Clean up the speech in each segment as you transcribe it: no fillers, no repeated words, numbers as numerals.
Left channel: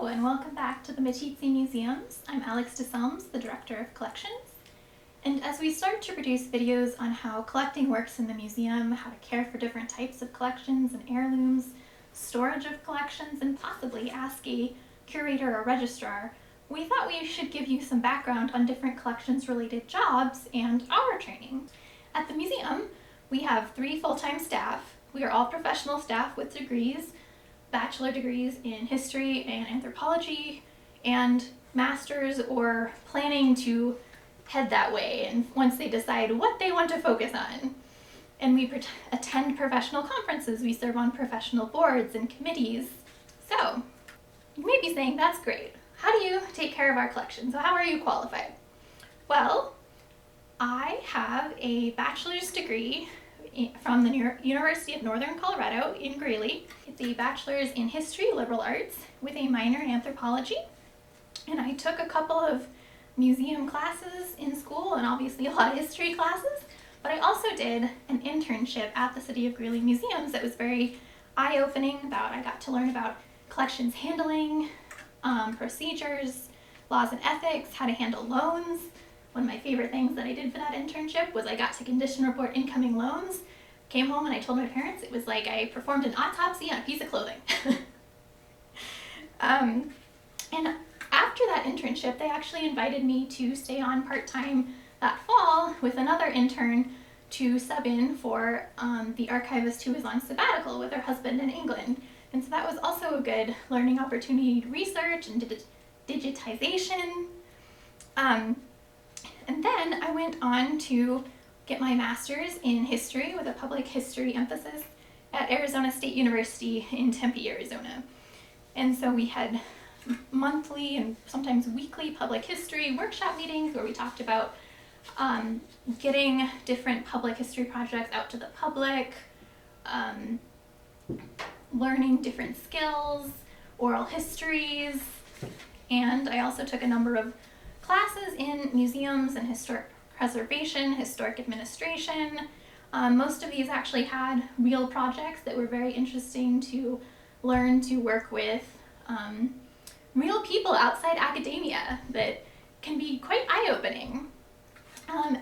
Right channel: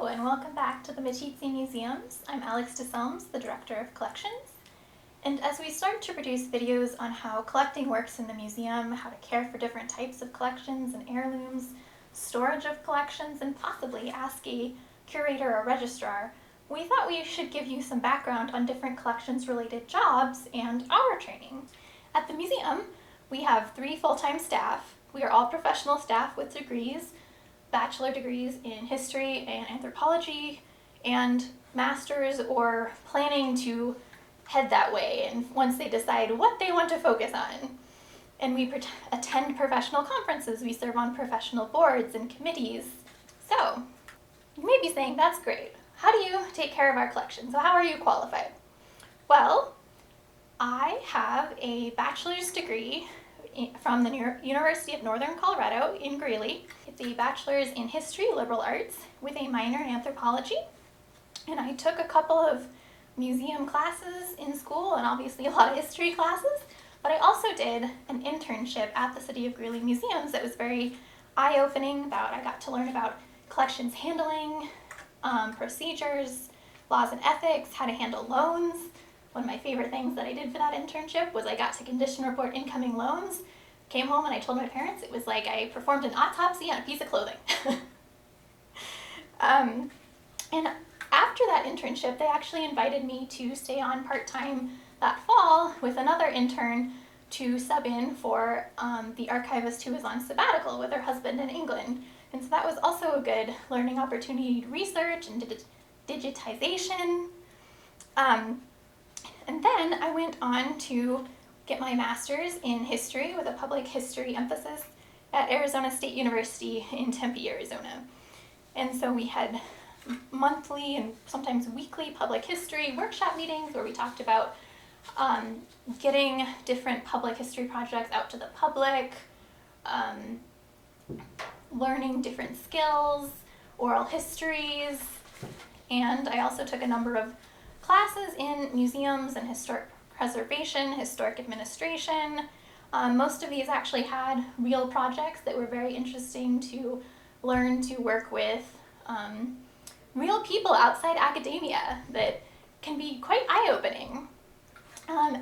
Hello and welcome back to the Meeteetse Museums. I'm Deselms, the Director of Collections. And as we start to produce videos on how collecting works in the museum, how to care for different types of collections and heirlooms, storage of collections, and possibly ask a curator or registrar, we thought we should give you some background on different collections-related jobs and our training. At the museum, we have 3 full-time staff. We are all professional staff with degrees, bachelor degrees in history and anthropology, and masters or planning to head that way, and once they decide what they want to focus on. And we attend professional conferences, we serve on professional boards and committees. So, you may be saying, that's great. How do you take care of our collections? How are you qualified? Well, I have a bachelor's degree from the University of Northern Colorado in Greeley. It's a bachelor's in history, liberal arts, with a minor in anthropology. And I took a couple of museum classes in school and obviously a lot of history classes, but I also did an internship at the City of Greeley Museums that was very eye-opening. I got to learn about collections handling, procedures, laws and ethics, how to handle loans. One of my favorite things that I did for that internship was I got to condition report incoming loans. Came home and I told my parents it was like I performed an autopsy on a piece of clothing. And after that internship, they actually invited me to stay on part-time that fall with another intern to sub in for the archivist who was on sabbatical with her husband in England. And so that was also a good learning opportunity to research and digitization. And then I went on to get my master's in history with a public history emphasis at Arizona State University in Tempe, Arizona. And so we had monthly and sometimes weekly public history workshop meetings where we talked about getting different public history projects out to the public, learning different skills, oral histories, and I also took a number of classes in museums and historic preservation, historic administration. Most of these actually had real projects that were very interesting to learn to work with real people outside academia that can be quite eye-opening.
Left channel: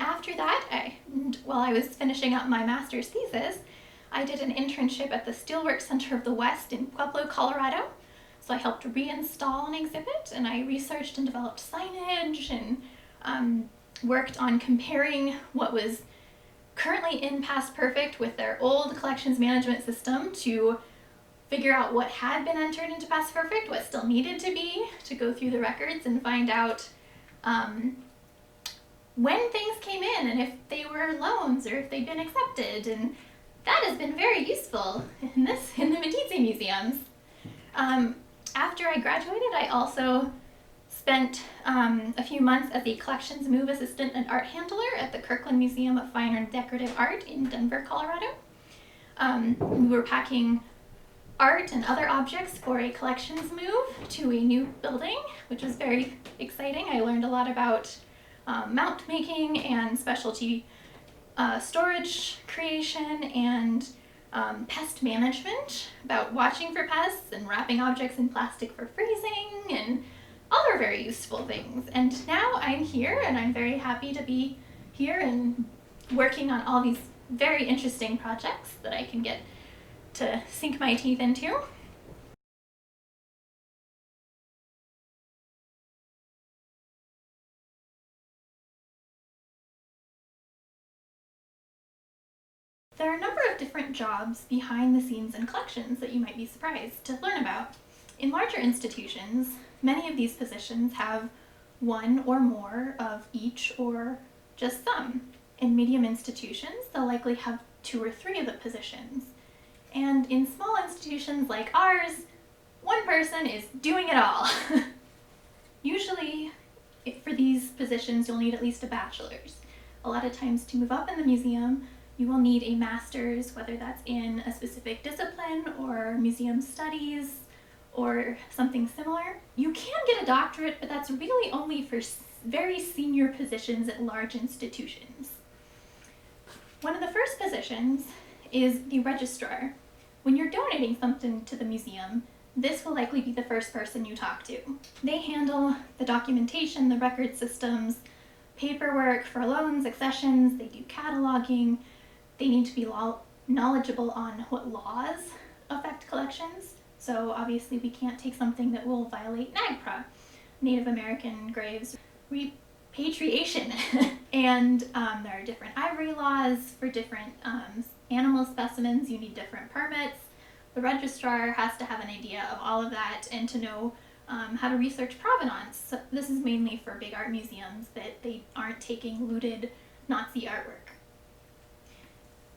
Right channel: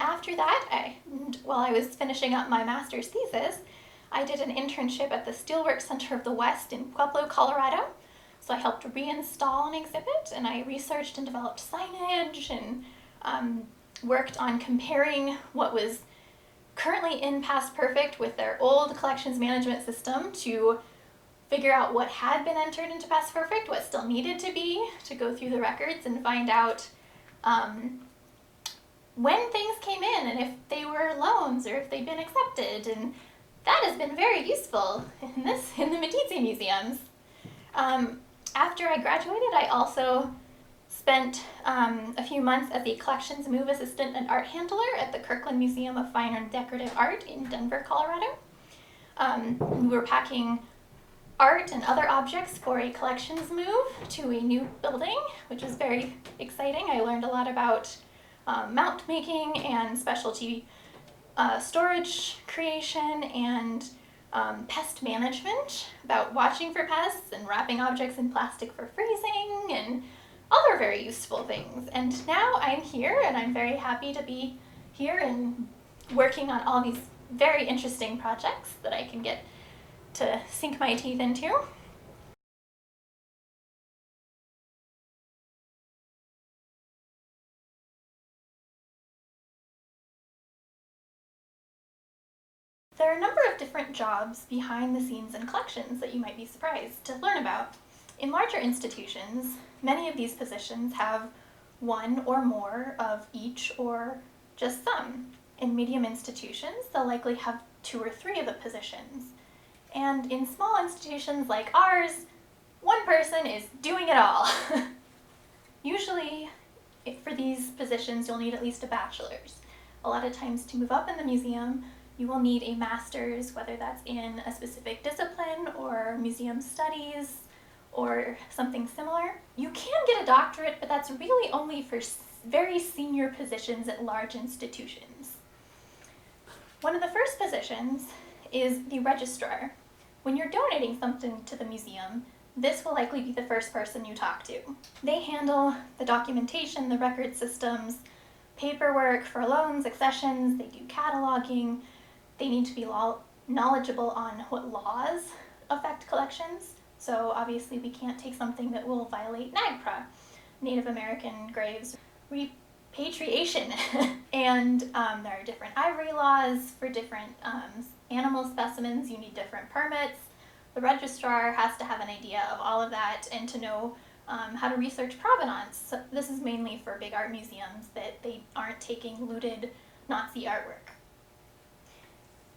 After that, while I was finishing up my master's thesis, I did an internship at the Steelworks Center of the West in Pueblo, Colorado. So I helped reinstall an exhibit, and I researched and developed signage and worked on comparing what was currently in Past Perfect with their old collections management system to figure out what had been entered into Past Perfect, what still needed to be, to go through the records and find out when things came in and if they were loans or if they'd been accepted. And that has been very useful in the Meeteetse Museums. After I graduated, I also spent a few months as a collections move assistant and art handler at the Kirkland Museum of Fine and Decorative Art in Denver, Colorado. We were packing art and other objects for a collections move to a new building, which was very exciting. I learned a lot about mount making and specialty storage creation and pest management, about watching for pests and wrapping objects in plastic for freezing and other very useful things. And now I'm here and I'm very happy to be here and working on all these very interesting projects that I can get to sink my teeth into. There are a number of different jobs behind the scenes in collections that you might be surprised to learn about. In larger institutions, many of these positions have one or more of each or just some. In medium institutions, they'll likely have 2 or 3 of the positions. And in small institutions like ours, one person is doing it all. Usually, for these positions, you'll need at least a bachelor's. A lot of times to move up in the museum, you will need a master's, whether that's in a specific discipline or museum studies or something similar. You can get a doctorate, but that's really only for very senior positions at large institutions. One of the first positions is the registrar. When you're donating something to the museum, this will likely be the first person you talk to. They handle the documentation, the record systems, paperwork for loans, accessions, they do cataloging, they need to be knowledgeable on what laws affect collections. So obviously we can't take something that will violate NAGPRA, Native American graves, repatriation, and there are different ivory laws for different animal specimens. You need different permits. The registrar has to have an idea of all of that and to know how to research provenance. So this is mainly for big art museums, that they aren't taking looted Nazi artwork.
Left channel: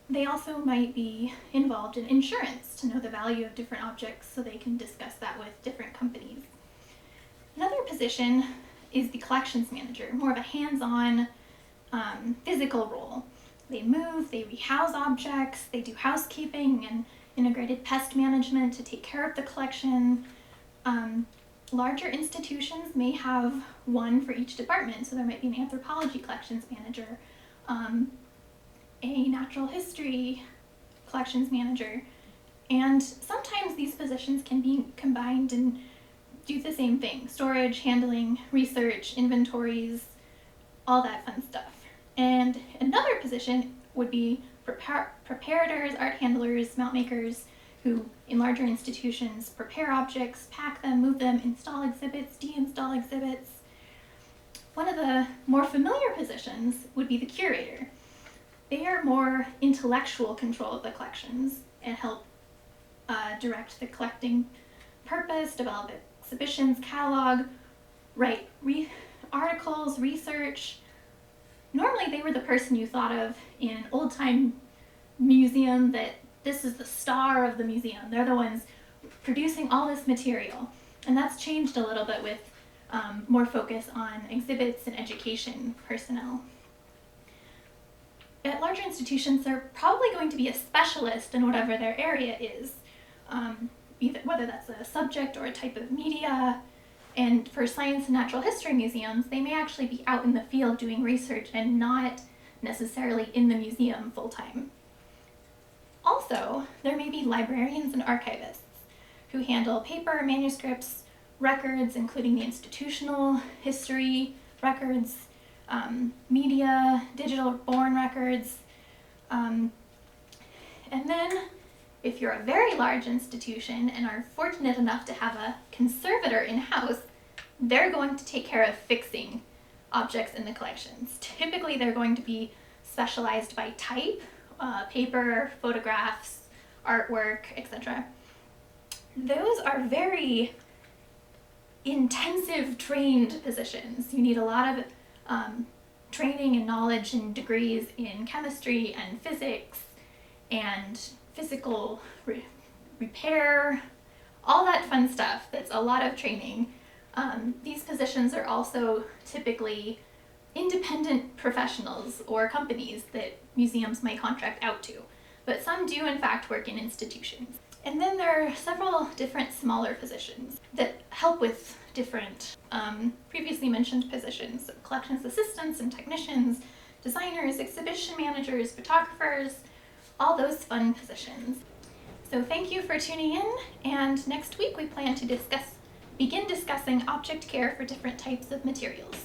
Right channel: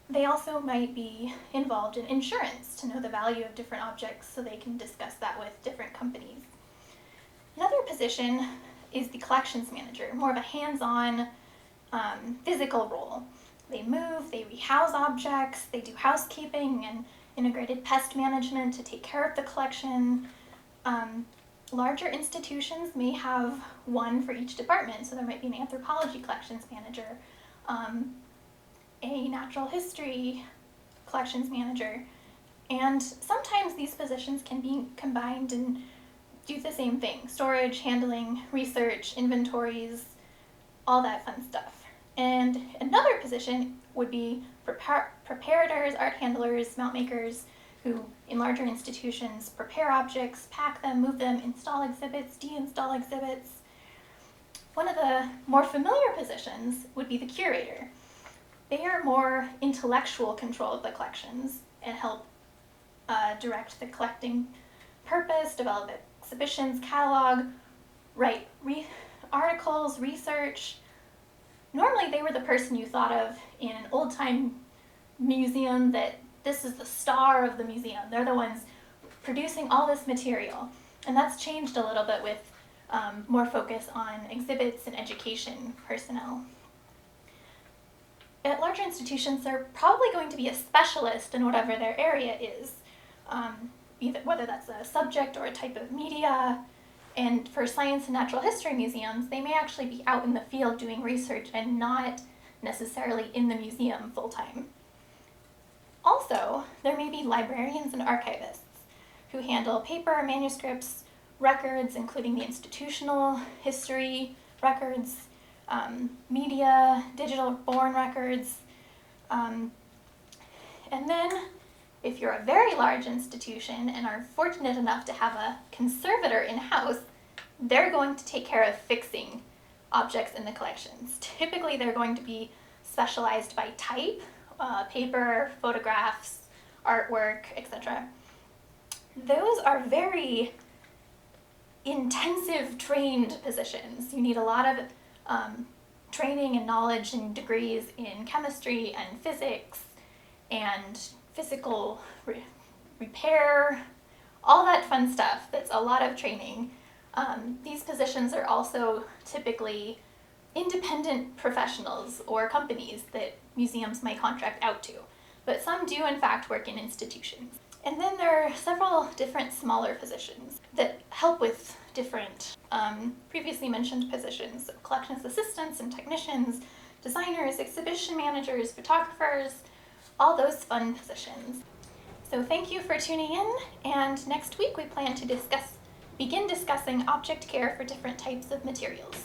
They also might be involved in insurance to know the value of different objects so they can discuss that with different companies. Another position is the collections manager, more of a hands-on physical role. They move, they rehouse objects, they do housekeeping and integrated pest management to take care of the collection. Larger institutions may have one for each department, so there might be an anthropology collections manager, a natural history collections manager, and sometimes these positions can be combined and do the same thing: storage, handling, research, inventories, all that fun stuff. And another position would be preparators, art handlers, mount makers, who in larger institutions prepare objects, pack them, move them, install exhibits, deinstall exhibits. One of the more familiar positions would be the curator. They are more intellectual control of the collections and help direct the collecting purpose, develop exhibitions, catalog, write articles, research. Normally they were the person you thought of in an old-time museum, that this is the star of the museum. They're the ones producing all this material. And that's changed a little bit with more focus on exhibits and education personnel. At larger institutions, they're probably going to be a specialist in whatever their area is, whether that's a subject or a type of media. And for science and natural history museums, they may actually be out in the field doing research and not necessarily in the museum full-time. Also, there may be librarians and archivists who handle paper, manuscripts, records, including the institutional history records, media, digital born records. And then if you're a very large institution and are fortunate enough to have a conservator in-house, they're going to take care of fixing objects in the collections. Typically they're going to be specialized by type, paper, photographs, artwork, etc. Those are very intensive trained positions. You need a lot of training and knowledge and degrees in chemistry and physics and physical repair, all that fun stuff. That's a lot of training. These positions are also typically independent professionals or companies that museums might contract out to, but some do in fact work in institutions. And then there are several different smaller positions that help with different previously mentioned positions: collections assistants and technicians, designers, exhibition managers, photographers, all those fun positions. So thank you for tuning in, and next week we plan to begin discussing object care for different types of materials.